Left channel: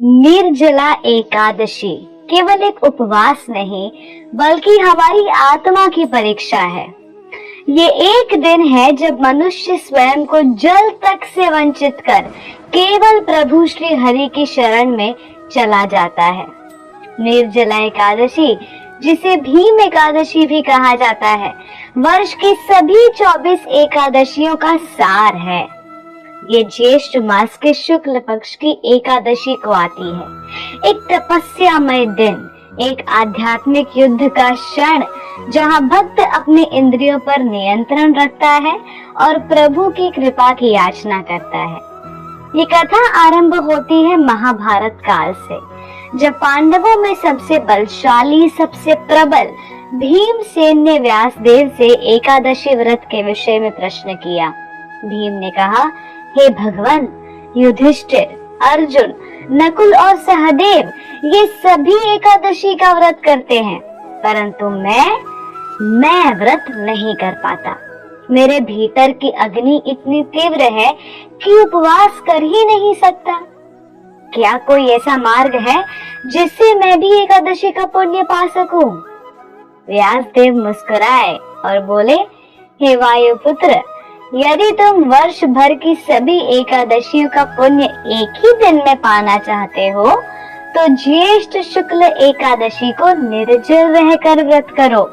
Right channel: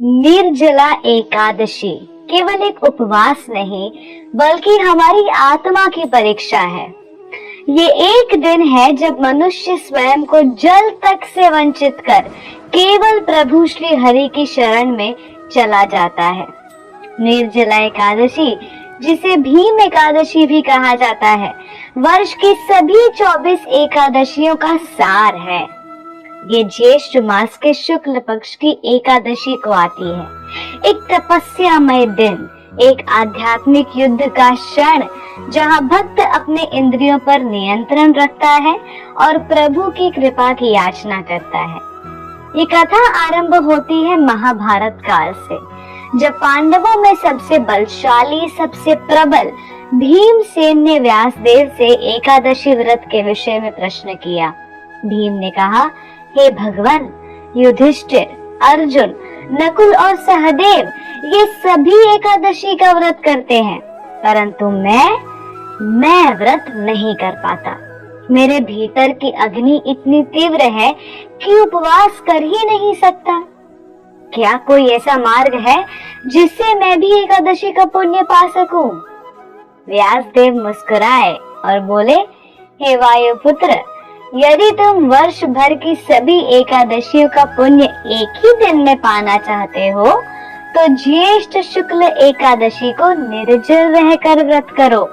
निर्जला एकादशी केवल एक उपवास नहीं बल्कि हमारी आत्मा की परीक्षा है। ये एक दिन है जब मनुष्य स्वयं को जल तक से वंचित कर केवल प्रभु श्री हरि की शरण में चला जाता है। निर्जला एकादशी, जिसे भीम एकादशी भी कहा जाता है, वर्ष की सभी 24 एकादशियों का सार है। ये ज्येष्ठ मास के शुक्ल पक्ष की एकादशी को आती है। एक तपस्यामय दिन, एक आध्यात्मिक युद्ध का क्षण जहाँ भक्त अपने इंद्रियों पर नियंत्रण रखता है और प्रभु की कृपा की याचना करता है। ये कथा आरंभ होती है महाभारत काल से, जब पांडवों में सबसे बलशाली, सबसे प्रबल भीमसेन ने व्यासदेव से एकादशी व्रत के विषय में प्रश्न किया। भीम ने कहा, हे भगवान, युधिष्ठिर, अर्जुन, नकुल और सहदेव ये सभी एकादशी का व्रत करते हैं, परंतु मैं व्रत नहीं कर पाता। मेरे भीतर की अग्नि इतनी तीव्र है कि उपवास कर ही नहीं सकता। क्या कोई ऐसा मार्ग है जिससे मैं भी एकादशी का पुण्य पा सकूं? व्यासदेव मुस्कुराए और बोले, हे वायुपुत्र, यदि तुम वर्ष भर की सभी एकादशियों का पुण्य एक ही दिन में पाना चाहते हो, तो ज्येष्ठ शुक्ल एकादशी को निर्जल रहकर व्रत करो।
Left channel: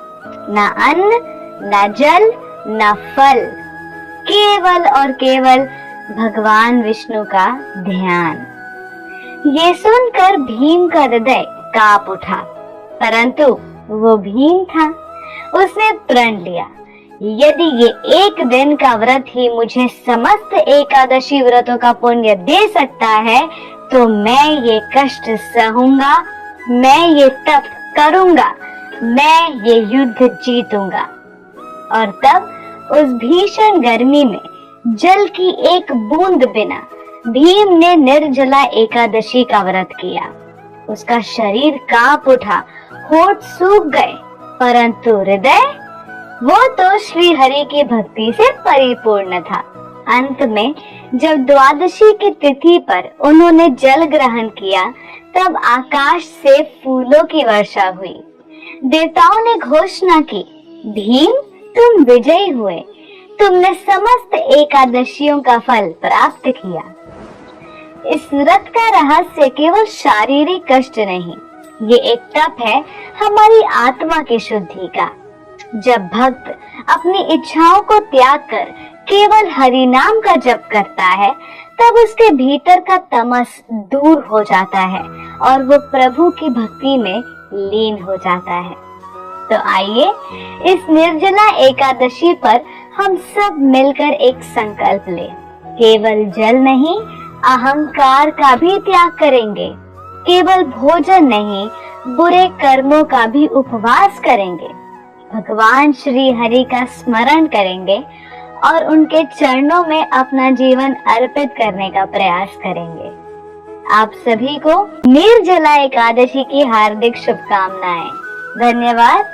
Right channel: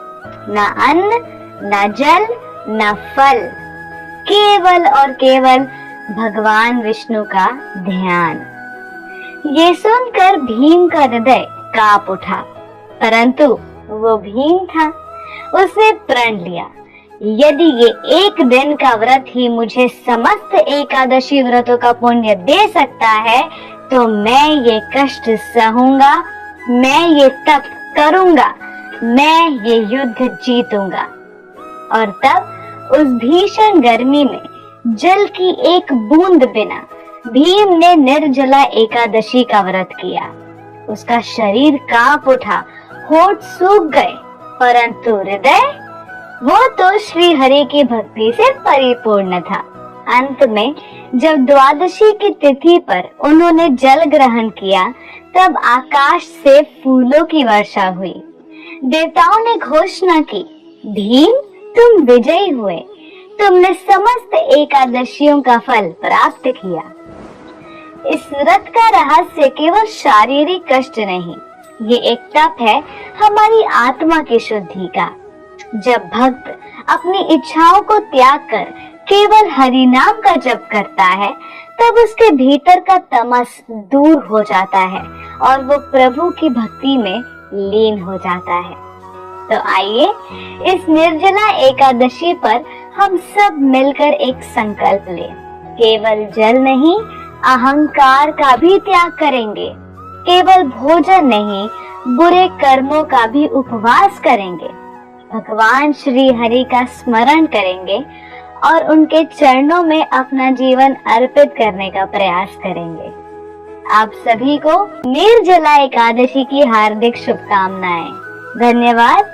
ना अन्न, ना जल, ना फल, केवल और केवल भगवान विष्णु का ध्यान। ये सुनकर भीम का हृदय कांप उठा, परंतु वो भीम था। उसने प्रण लिया, यदि ये एक दिन का व्रत ही मुझे समस्त एकादशी व्रतों का पुण्य दे सकता है, तो मैं ये कष्ट सहूंगा, मैं ये तप करूंगा, मैं ये युद्ध जीतूंगा। और तब उस भीषण गर्मी में जल की एक बूंद बिना भीम ने निर्जला एकादशी का व्रत किया। उसका शरीर कांप उठा, होठ सूख गए, परंतु हृदय, वो तो श्री हरि की भक्ति से परिपूर्ण था। अंत में जब द्वादशी की तिथि पर उन्होंने जल ग्रहण किया, तब आकाश से फूलों की वर्षा हुई। देवताओं ने घोषणा की, भीम, तुम विजयी हुए, तुमने समस्त एकादशियों का फल प्राप्त किया। इस व्रत का रहस्य केवल शारीरिक कष्ट नहीं, ये एक तप है हमारी आत्मा की शुद्धि का। जब भक्त अपनी इच्छाओं को त्याग कर केवल हरि नाम का जप करता है, तब उसके भीतर का तमस दूर हो जाता है और वो प्रभु की भक्ति में लीन हो जाता है। तो आइए इस निर्जला एकादशी पर हम सब मिलकर एक संकल्प लें। केवल जल नहीं, अहंकार का भी त्याग करेंगे। केवल भोजन नहीं, बुरे कर्मों का भी उपवास करेंगे। भगवान श्री हरि का स्मरण करेंगे और उनके चरणों में अपना जीवन अर्पित करने का प्रयास करेंगे। आप सभी को निर्जला एकादशी की हार्दिक शुभकामनाएं। धन्यवाद।